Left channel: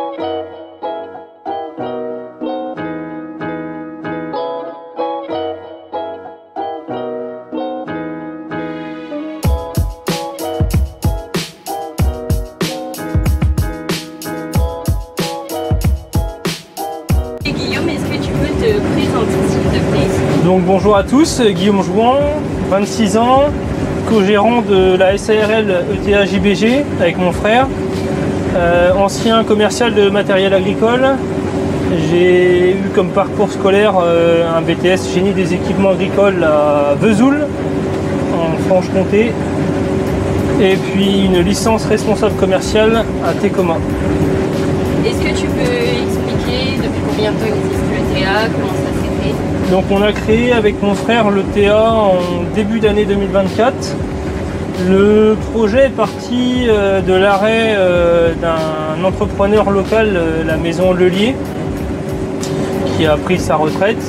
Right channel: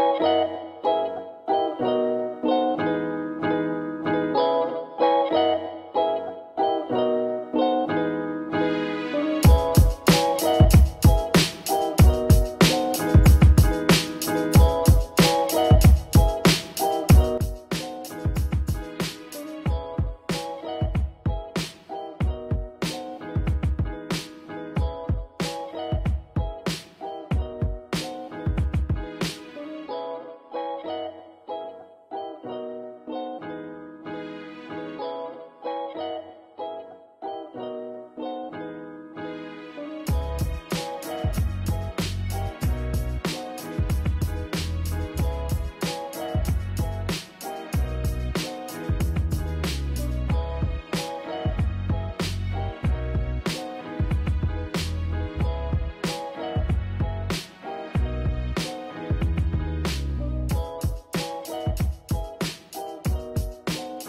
Donc bonjour à tous, Guillaume Jouan, 26 ans, co-gérant de la SARL ETA JBG avec mon frère, ancien commercial de matériel agricole. J'ai eu comme parcours scolaire un BTS génie des équipements agricoles à Vesoul, en Franche-Comté, et puis une licence responsable commerciale à Técoma. Est-ce que tu peux expliquer depuis combien de temps existe le TA, comment ça s'est fait? Donc on a créé avec mon frère le TA en début d'année 2024. Le projet est parti de l'arrêt d'un entrepreneur local, la maison Lelier, qui a pris sa retraite.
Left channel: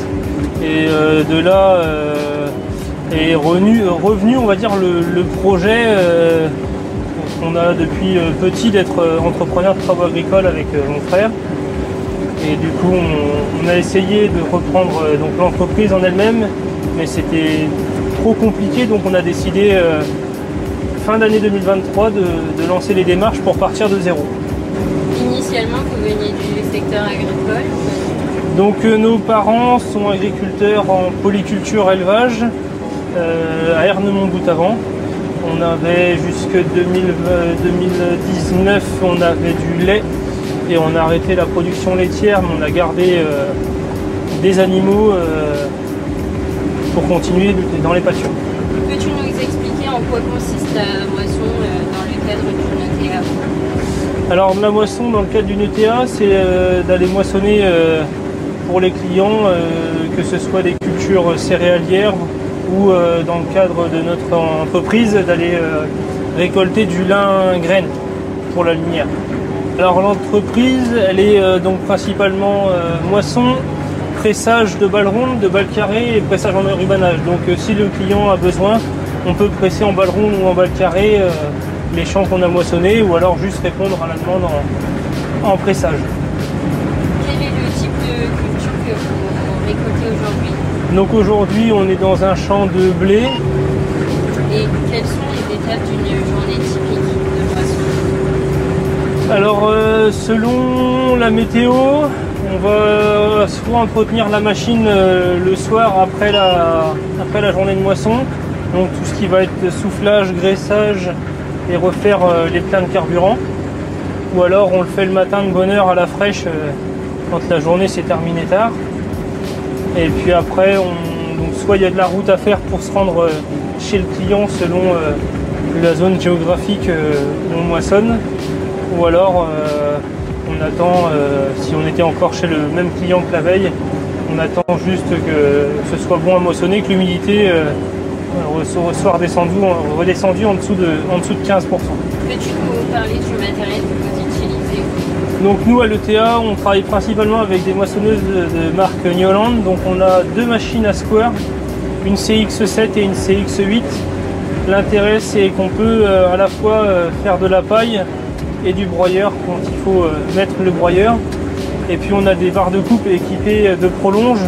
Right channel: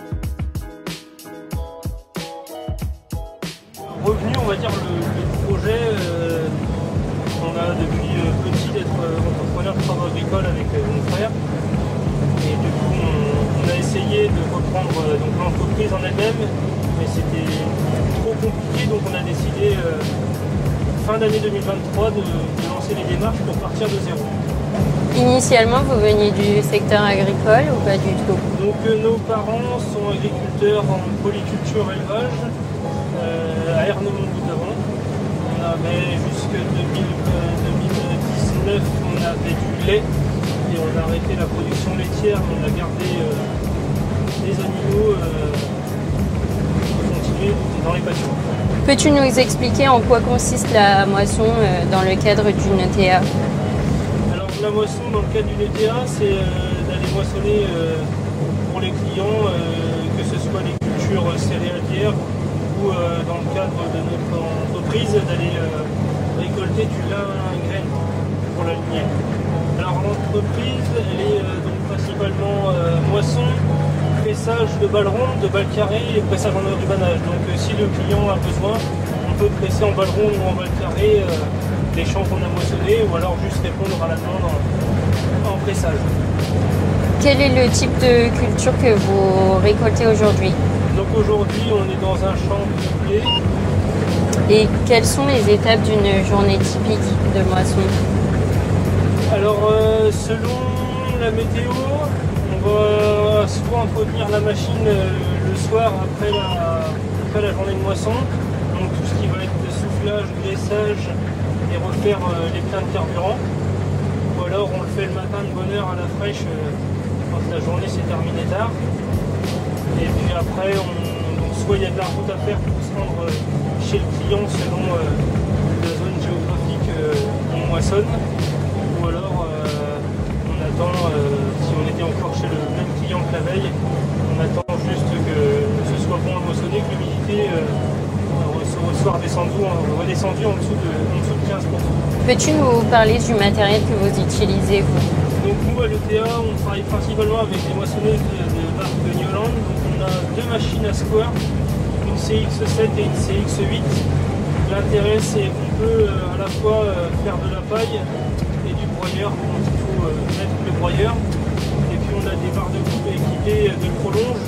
Et de là est revenu, on va dire, le projet. On a depuis petit d'être entrepreneur de travaux agricoles avec mon frère. Et du coup, on a essayé de reprendre l'entreprise en elle-même, mais c'était trop compliqué, donc on a décidé fin d'année 2023 de lancer les démarches pour partir de zéro. Initialement, vous veniez du secteur agricole ou pas du tout? Donc nos parents sont agriculteurs en polyculture élevage à Ernemont-Boutavant. On avait jusque 2019, on avait du lait. Et on a arrêté la production laitière, mais on a gardé des animaux pour continuer dans les pâturages. Peux-tu nous expliquer en quoi consiste la moisson dans le cadre d'une ETA? Alors la moisson dans le cadre d'une ETA, c'est d'aller moissonner pour les clients, que ce soit des cultures céréalières ou dans le cadre de notre entreprise, d'aller récolter du lin graine pour la lumière. Alors l'entreprise, elle est donc principalement moisson, pressage de balles rondes, de balles carrées et pressage en rubanage. Donc si le client a besoin, on peut presser en balles rondes ou en balles carrées les champs qu'on a moissonnés, ou alors juste répondre à la demande en pressage. Quel est le type de culture que vous récoltez aujourd'hui? Donc aujourd'hui on est dans un champ de blé. Et quelles sont les étapes d'une journée typique de moisson? Alors selon la météo, on va soit entretenir la machine le soir après la journée de moisson, donc tout ce qui va être soufflage, graissage et refaire les pleins de carburant, ou alors on le fait le matin de bonne heure à la fraîche quand la journée s'est terminée tard. Et puis après, soit il y a de la route à faire pour se rendre chez le client selon la zone géographique où on moissonne, ou alors on attend, si on était encore chez le même client que la veille, on attend juste que ce soit bon à moissonner, que l'humidité soit redescendue en dessous de 15%. Peux-tu nous parler du matériel que vous utilisez? Donc nous à l'ETA, on travaille principalement avec des moissonneuses de marque Newland. Donc on a deux machines à square, une CX7 et une CX8. L'intérêt c'est qu'on peut à la fois faire de la paille et du broyeur quand il faut mettre le broyeur. Et puis on a des barres de coupe équipées de prolonge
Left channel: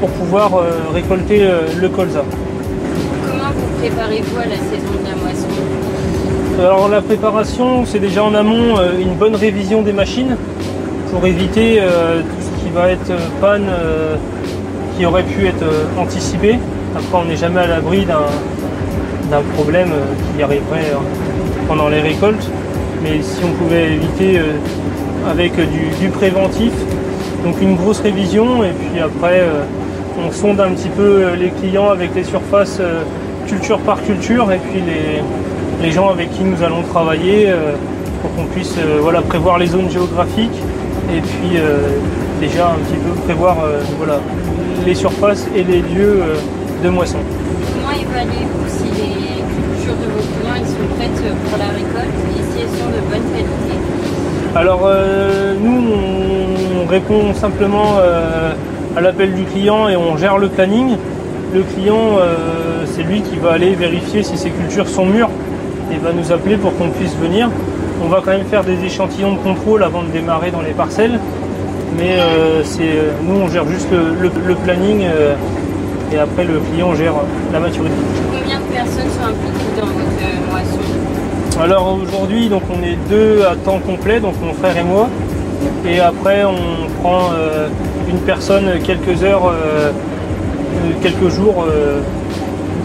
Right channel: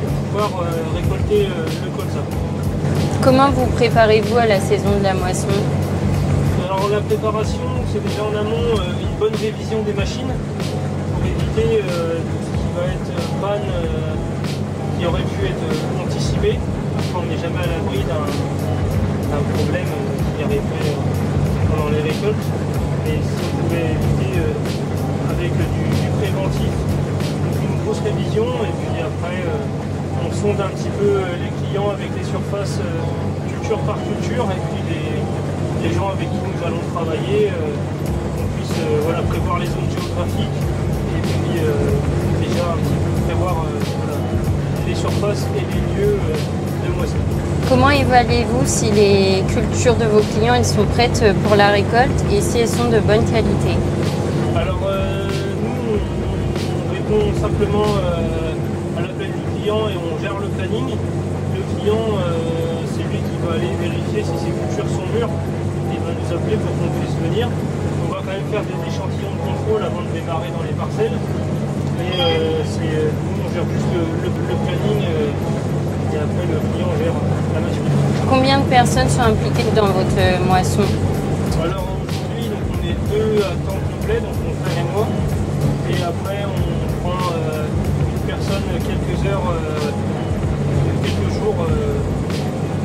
pour pouvoir récolter le colza. Comment vous préparez-vous à la saison de la moisson? Alors la préparation, c'est déjà en amont une bonne révision des machines pour éviter tout ce qui va être panne qui aurait pu être anticipé. Après on n'est jamais à l'abri d'un problème qui arriverait pendant les récoltes. Mais si on pouvait éviter avec du préventif, donc une grosse révision, et puis après on sonde un petit peu les clients avec les surfaces culture par culture, et puis les gens avec qui nous allons travailler pour qu'on puisse prévoir les zones géographiques, et puis déjà un petit peu prévoir les surfaces et les lieux de moisson. Comment évaluez-vous si les cultures de vos clients elles sont prêtes pour la récolte et si elles sont de bonne qualité? Alors nous on répond simplement à l'appel du client et on gère le planning. Le client c'est lui qui va aller vérifier si ces cultures sont mûres et va nous appeler pour qu'on puisse venir. On va quand même faire des échantillons de contrôle avant de démarrer dans les parcelles. Mais nous, on gère juste le planning et après le client gère la maturité. Combien de personnes sont impliquées dans votre moisson? Alors aujourd'hui, donc on est 2 à temps complet, donc mon frère et moi. Et après, on prend une personne quelques heures, quelques jours,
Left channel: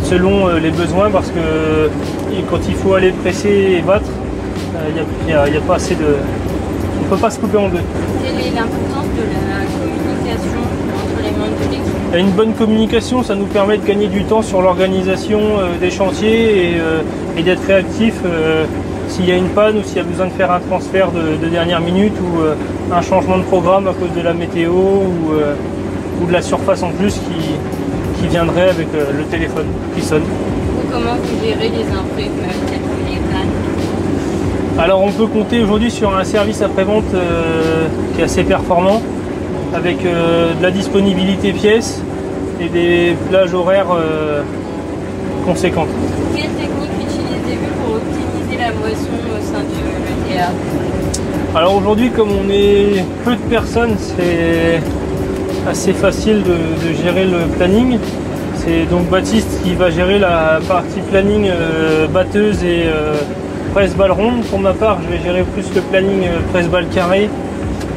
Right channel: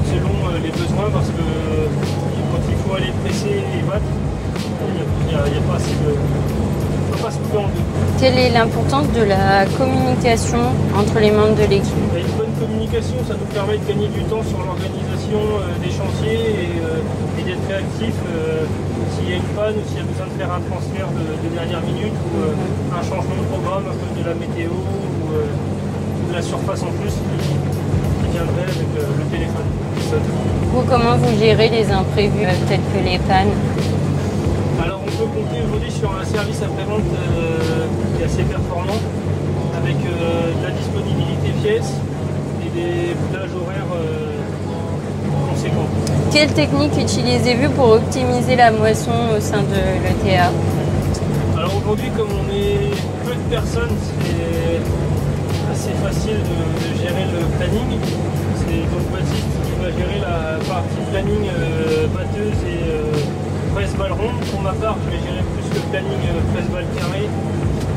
selon les besoins, parce que quand il faut aller presser et battre, il n'y a pas assez de... Il ne faut pas se couper en deux. Quelle est l'importance de la communication entre les membres de l'équipe? Une bonne communication, ça nous permet de gagner du temps sur l'organisation des chantiers et d'être réactif s'il y a une panne ou s'il y a besoin de faire un transfert de dernière minute ou un changement de programme à cause de la météo ou de la surface en plus qui viendrait avec le téléphone qui sonne. Vous, comment vous gérez les imprévus tels que les pannes? Alors on peut compter aujourd'hui sur un service après-vente qui est assez performant, avec de la disponibilité pièces et des plages horaires conséquentes. Quelle technique utilisez-vous pour optimiser la moisson au sein de l'ETA? Alors aujourd'hui, comme on est peu de personnes, c'est assez facile de gérer le planning. C'est donc Baptiste qui va gérer la partie planning batteuse et presse-balle ronde. Pour ma part, je vais gérer plus le planning presse-balle carré.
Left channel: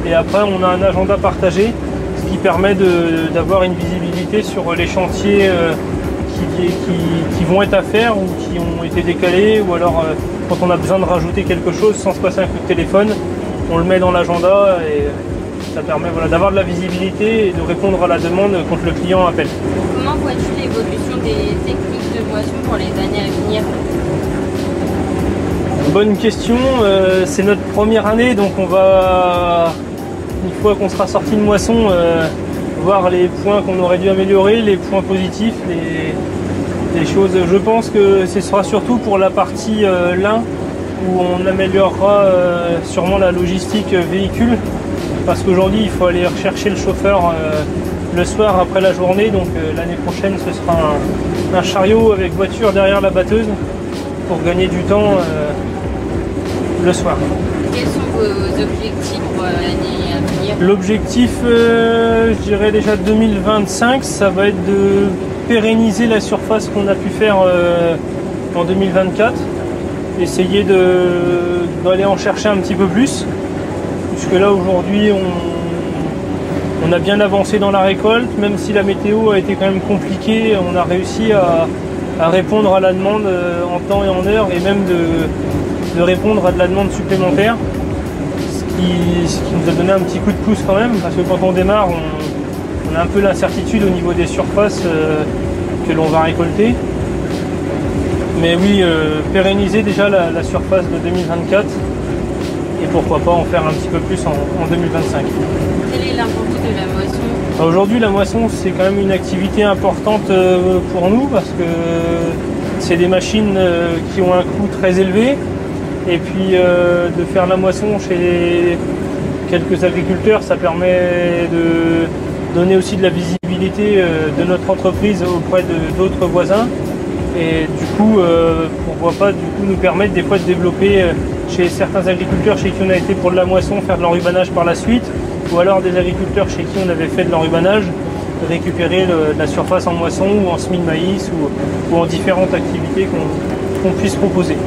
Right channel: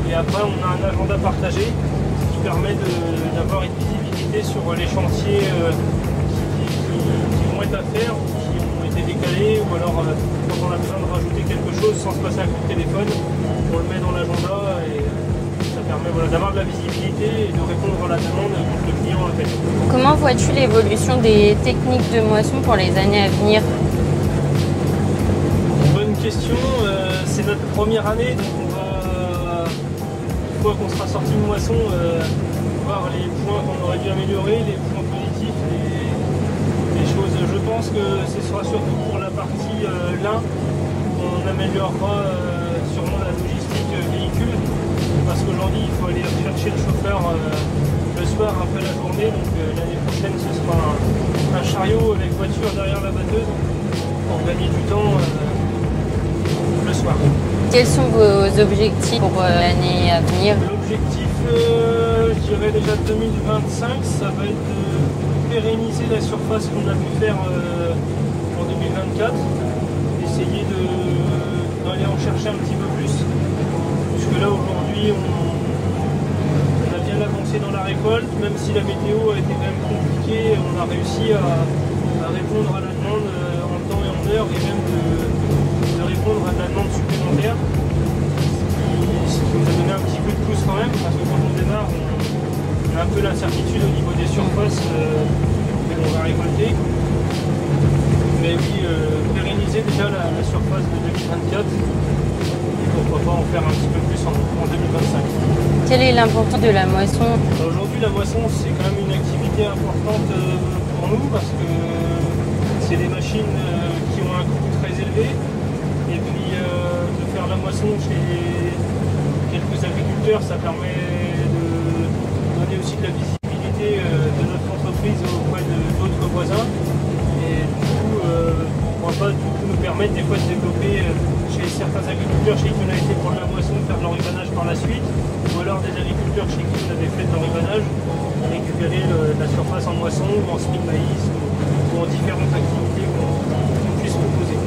Et après, on a un agenda partagé, ce qui permet d'avoir une visibilité sur les chantiers qui vont être à faire ou qui ont été décalés. Ou alors, quand on a besoin de rajouter quelque chose sans se passer un coup de téléphone, on le met dans l'agenda et ça permet d'avoir de la visibilité et de répondre à la demande quand le client appelle. Comment vois-tu l'évolution des techniques de moisson pour les années à venir? Bonne question, c'est notre première année, donc on va, une fois qu'on sera sorti de moisson, voir les points qu'on aurait dû améliorer, les points positifs, les choses. Je pense que ce sera surtout pour la partie lin, où on améliorera sûrement la logistique véhicule, parce qu'aujourd'hui il faut aller rechercher le chauffeur le soir après la journée, donc l'année prochaine ce sera un chariot avec voiture derrière la batteuse pour gagner du temps le soir. Quels sont vos objectifs pour l'année à venir? L'objectif, je dirais déjà 2025, ça va être de pérenniser la surface qu'on a pu faire en 2024. Essayer d'aller en chercher un petit peu plus, puisque là aujourd'hui on a bien avancé dans la récolte, même si la météo a été quand même compliquée, on a réussi à répondre à la demande en temps et en heure, et même de répondre à de la demande supplémentaire, ce qui nous a donné un petit coup de pouce quand même, parce que quand on démarre, on a un peu l'incertitude au niveau des surfaces que l'on va récolter. Mais oui, pérenniser déjà la surface de 2024 et pourquoi pas en faire un petit peu plus en 2025. Quelle est l'importance de la moisson? Aujourd'hui, la moisson, c'est quand même une activité importante pour nous parce que c'est des machines qui ont un coût très élevé. Et puis de faire la moisson chez quelques agriculteurs, ça permet de donner aussi de la visibilité de notre entreprise auprès d'autres voisins. Et du coup, pourquoi pas nous permettre des fois de développer chez certains agriculteurs chez qui on a été pour de la moisson, faire de l'enrubanage par la suite, ou alors des agriculteurs chez qui on avait fait de l'enrubanage, récupérer la surface en moisson ou en semis de maïs ou en différentes activités qu'on puisse proposer.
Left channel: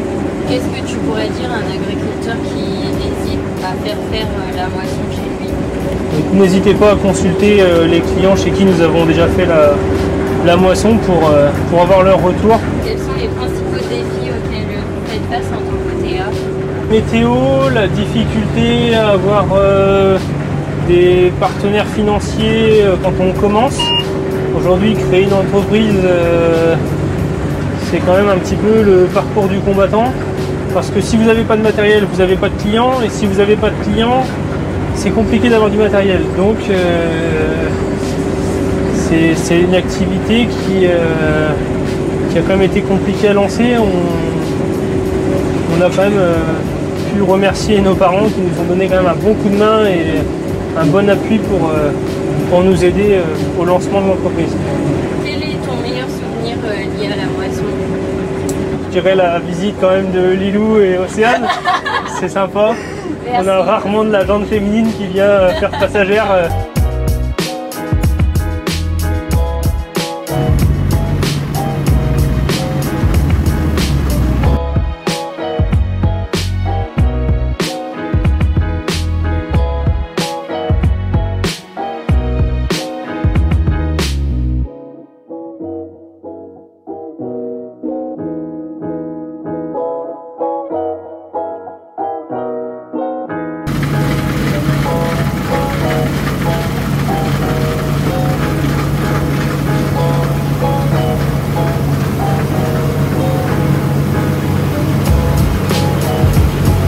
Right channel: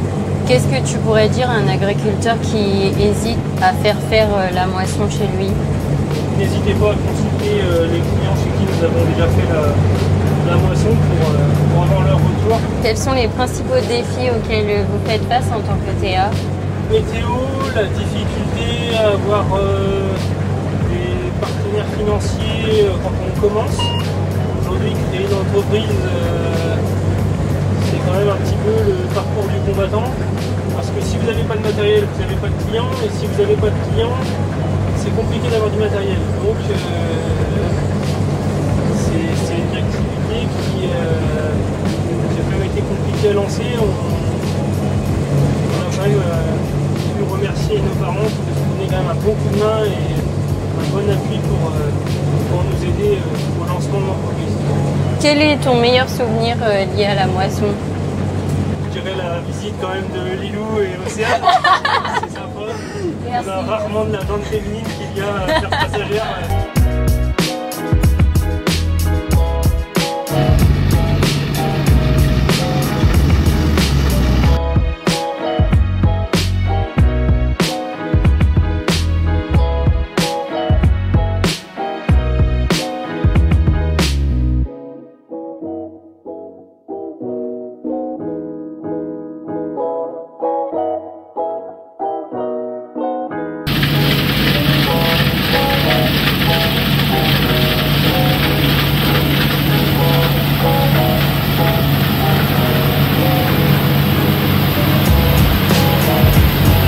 Qu'est-ce que tu pourrais dire à un agriculteur qui hésite à faire la moisson chez lui? N'hésitez pas à consulter les clients chez qui nous avons déjà fait la moisson pour avoir leur retour. Quels sont les principaux défis auxquels vous faites face en tant que TA? Météo, la difficulté à avoir des partenaires financiers quand on commence. Aujourd'hui, créer une entreprise, c'est quand même un petit peu le parcours du combattant. Parce que si vous n'avez pas de matériel, vous n'avez pas de clients. Et si vous n'avez pas de clients, c'est compliqué d'avoir du matériel. Donc, c'est une activité qui a quand même été compliquée à lancer. On a quand même pu remercier nos parents qui nous ont donné quand même un bon coup de main et un bon appui pour nous aider au lancement de l'entreprise. Quel est ton meilleur souvenir lié à la moisson? dirais la visite quand même de Lilou et Océane. C'est sympa. Merci. On a rarement de la jante féminine qui vient faire passagère.